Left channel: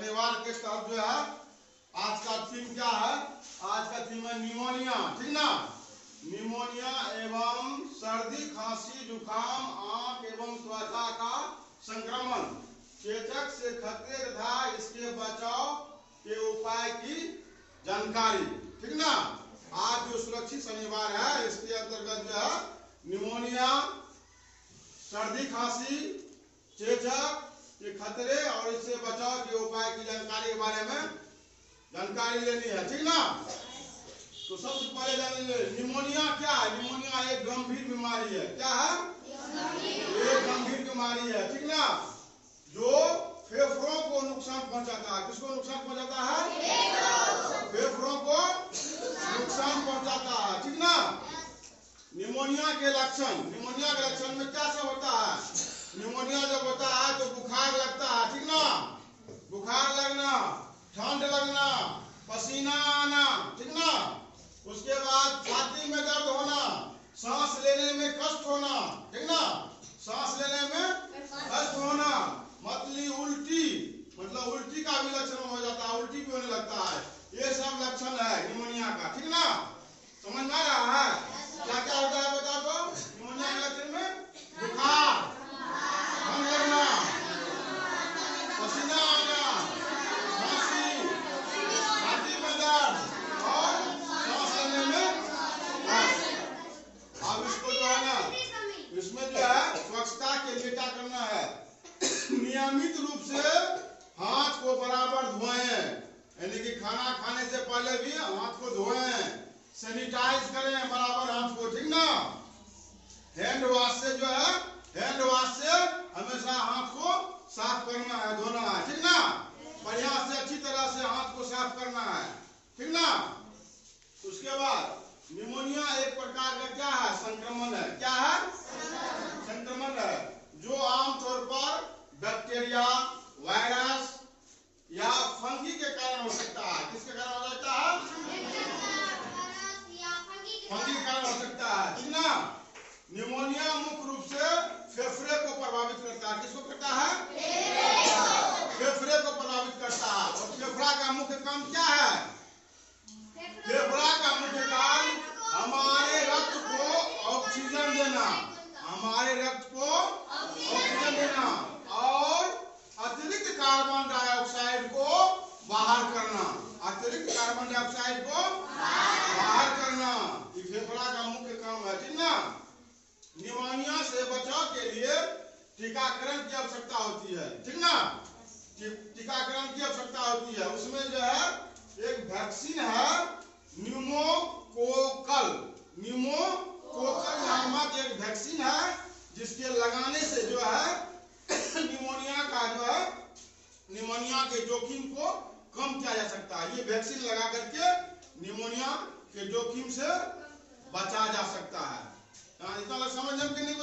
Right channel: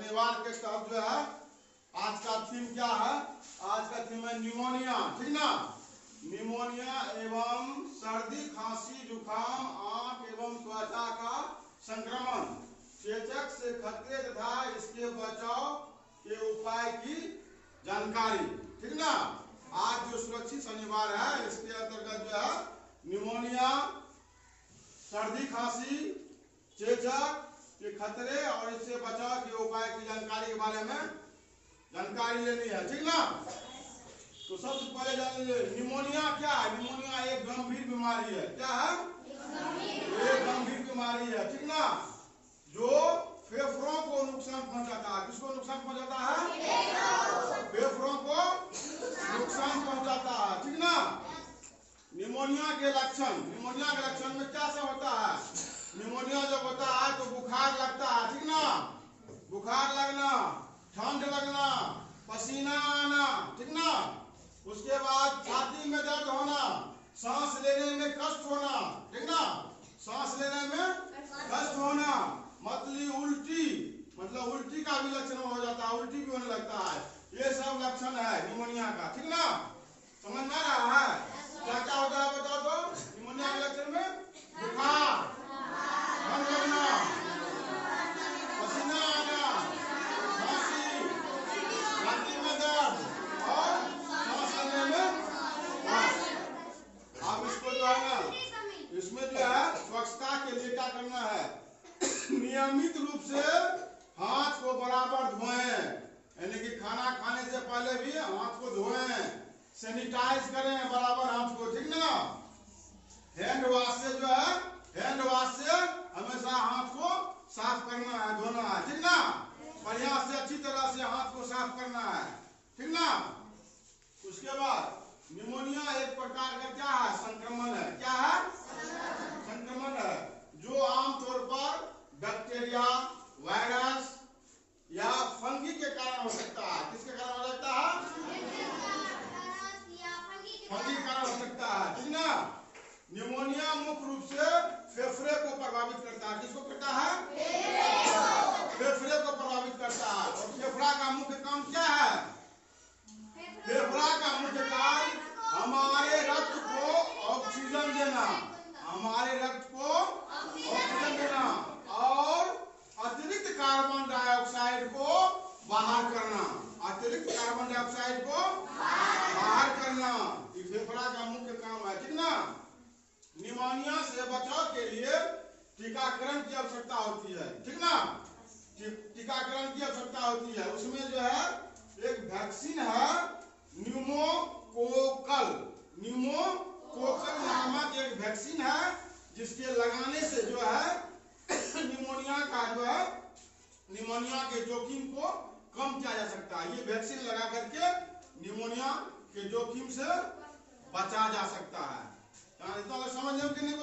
शनिवार के तहत जो है आज का थीम क्या है? आज का थीम है निमोनिया, ठीक ना। निमोनिया एवं सर्दी, खांसी, जुकाम, आंख एवं त्वचा का संक्रमण, चेचक से खतरे तथा इसके बचाव के उपाय की जानकारी, ठीक ना। आज जो सुरक्षित शनिवार है इसके अंतर्गत जो है निमोनिया, सर्दी, खांसी, चेचक के खतरे और इससे बचाव के उपाय की जानकारी के बारे में जानकारी लेनी है, ठीक ना। तो सबसे पहले जानिए निमोनिया क्या है। निमोनिया एक गंभीर बीमारी है। क्या है? एक गंभीर बीमारी है, ठीक ना, जो फेफड़ों को नुकसान पहुंचाता है। किसको नुकसान पहुंचाता है? फेफड़ों को नुकसान पहुंचाता है, ठीक ना। निमोनिया के लक्षण, निमोनिया के लक्षण में क्या सब होता है? निमोनिया जब होता है तो बुखार लगता है, ठीक ना, बुखार लगना, ठंड लगना, पसीना आना, ठीक ना। उसके बाद छाती में दर्द होना, सांस लेने में कष्ट होना, ठीक ना, सांस लेने में कष्ट होना, मतली उल्टी, मतलब उल्टी का भी लक्षण हो जाता है, उल्टी भी होने लगता है। ये सब लक्षण है निमोनिया का, ठीक ना। समझ में आ रहा है? क्या क्या होता है बताओ तो? निमोनिया के लक्षण में बुखार, ठंड लगना, पसीना आना, खांसी, छाती में दर्द और सांस लेने में कष्ट। अब इसको जो है ना, इसमें जो है स्वच्छता के लिए क्या करना है? नियमित रूप से हाथ को बराबर धोएं, यानी कि खाना खाने से पहले भी हाथ को धोएं, सैनिटाइज करें बराबर हाथ को, ठीक ना। हैंड वॉश से जो है, हैंड वॉश से हमेशा हाथ को साफ करना है, धोना है, ठीक ना। बढ़िया से अच्छी तरह से हाथ को साफ करना है, ठीक ना। उसके बाद निमोनिया एक प्रकार का क्या है? संक्रमण है। क्या है? संक्रमण है, जो आमतौर पर बैक्टीरिया, वायरस या फंगी के कारण हो सकता है। किसके कारण हो सकता है? फंगी के कारण हो सकता है, ठीक ना। निमोनिया मुख्य रूप से फेफड़े को प्रभावित करता है। किसको करता है? फेफड़े को प्रभावित करता है। और फेफड़ा का मुख्य काम क्या है? फेफड़ा का मुख्य काम हमारे रक्त को ऑक्सीजन देना, हमारे रक्त को ऑक्सीजन देना और अतिरिक्त कार्बन डाइऑक्साइड को बाहर करना, अतिरिक्त कार्बन डाइऑक्साइड को बाहर करना, ये फेफड़ा का मुख्य काम है, ठीक ना। निमोनिया से बचाव के लिए टीकाकरण की आवश्यकता होती है, ठीक ना। टीकाकरण की आवश्यकता होती है। उसमें जो है एक वैक्सीन है न्यूमोकोकल, न्यूमोकोकल नामक एक वैक्सीन है, जिसके लगाने से जो है निमोनिया का जो है, निमोनिया के जोखिम को कम किया जा सकता है। ये वैक्सीन लगा करके निमोनिया के जोखिम से बचा जा सकता है। इतना समझ में कि नहीं?